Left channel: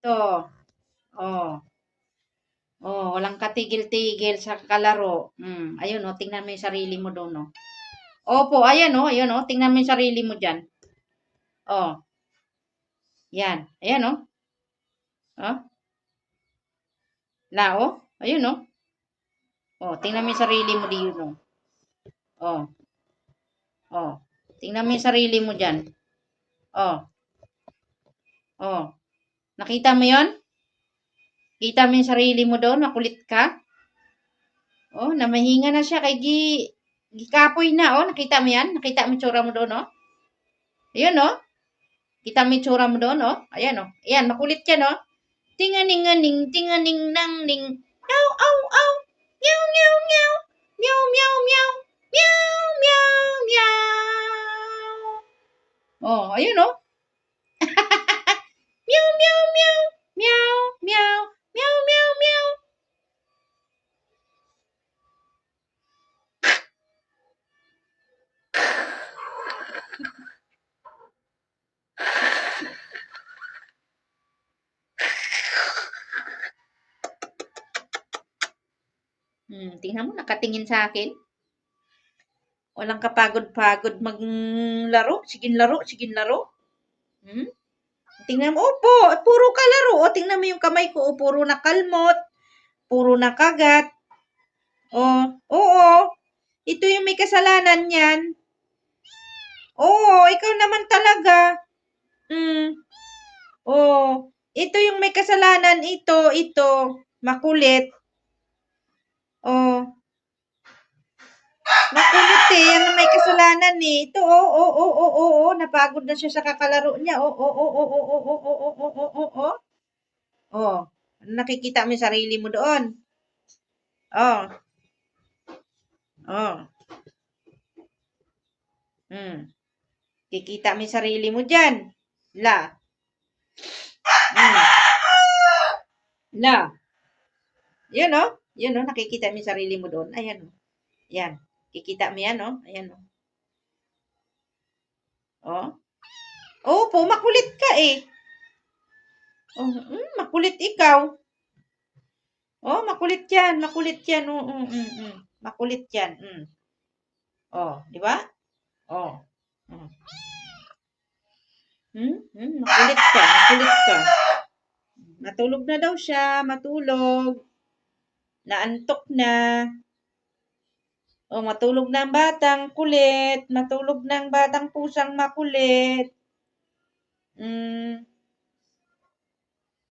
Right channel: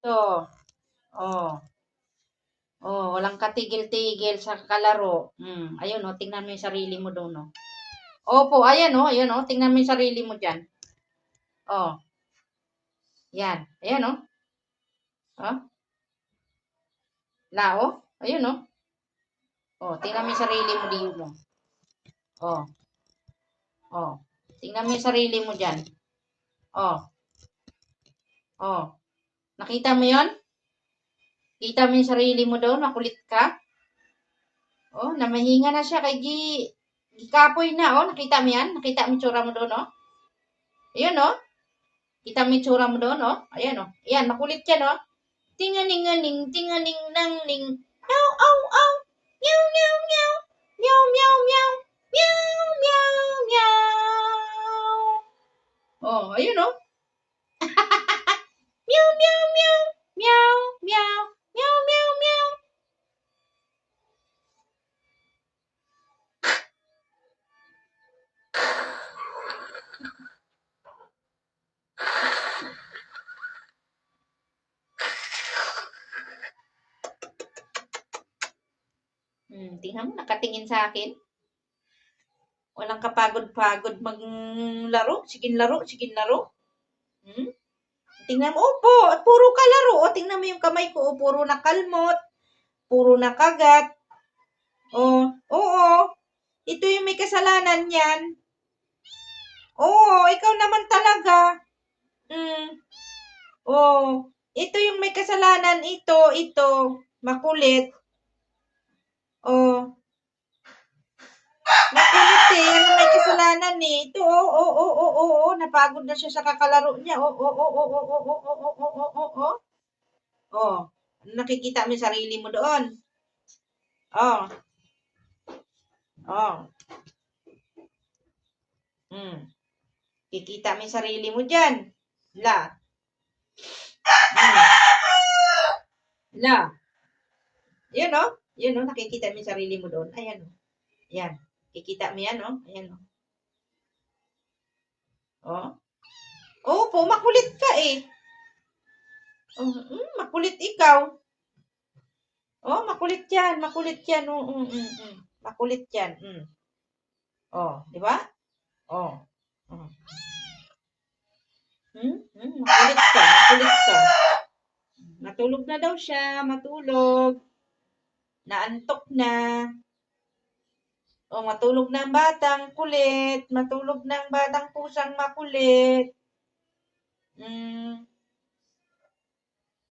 To. Oh. Oh, walang katigil-tigil sa kalaro. Ayun oh, tingnan mo yung sarili mo doon, oh. Opo, ayan oh, ayun oh, tingnan mo yung sarili mo diyan. Oh, yan. Ayan oh. Oh, oh. Ayun oh. Oh, tingnan mo yung sarili mo diyon, oh. Oh, oh. Tingnan mo yung sarili mo diyan. Oh, oh. Nakita mo 'yon? Kita mo yung sarili mo doon, makulit ka? Oh, namahinga na siya kay gikapoy na, oh. Nakita mo 'yan? Nakita mo yung tsura mo doon, oh. Ayun oh. Kita mo yung tsura mo doon, oh. Ayan oh. Ayan, makulit yan, oh. Tinganinganing, tinganing nang ning. Meow, ow, ow. Meow, meow, meow. Meow, meow, meow. Meow, meow, meow. Oh, ayun oh. Meow, meow, meow. Meow, meow. Meow, meow, meow. Tingnan mo, nakatingin sa akin. Walang kapagod-pagod maglaro. Sige laro, sige laro. Tingnan mo, opo, puro kalaro. O, tingnan mo yung kamay ko, oh, puro nakalmot, puro nakagat. Oh, oo. Ito yung may kasalanan yan. Oo, ikaw naman talaga. Oh, ito yung may kasalanan. Ito. Makulit. Oh, makulit eh. Yan ang may kasalanan eh. Ito, oh. Napagod na siya sa kakalaro niya. Oh. Oh, nakikita mo yung sarili mo doon. Oh. Oh. Kikita mo yung sarili mo dyan. La. La. Yun oh. Yun oh, nakikita mo yung sarili mo doon. Ayan oh. Yan. Kikita mo yan oh. Ayan oh. Oh. Opo, makulit ka eh. Oh, makulit ikaw. Oh, makulit yan. Makulit yan. Makulit yan. Oh, di ba? Oh. Makulit ka. Makulit ka. Matulog na daw siya. Matulog. Naantok na. Oh, matulog na ang batang kulit. Matulog na ang batang pusang makulit.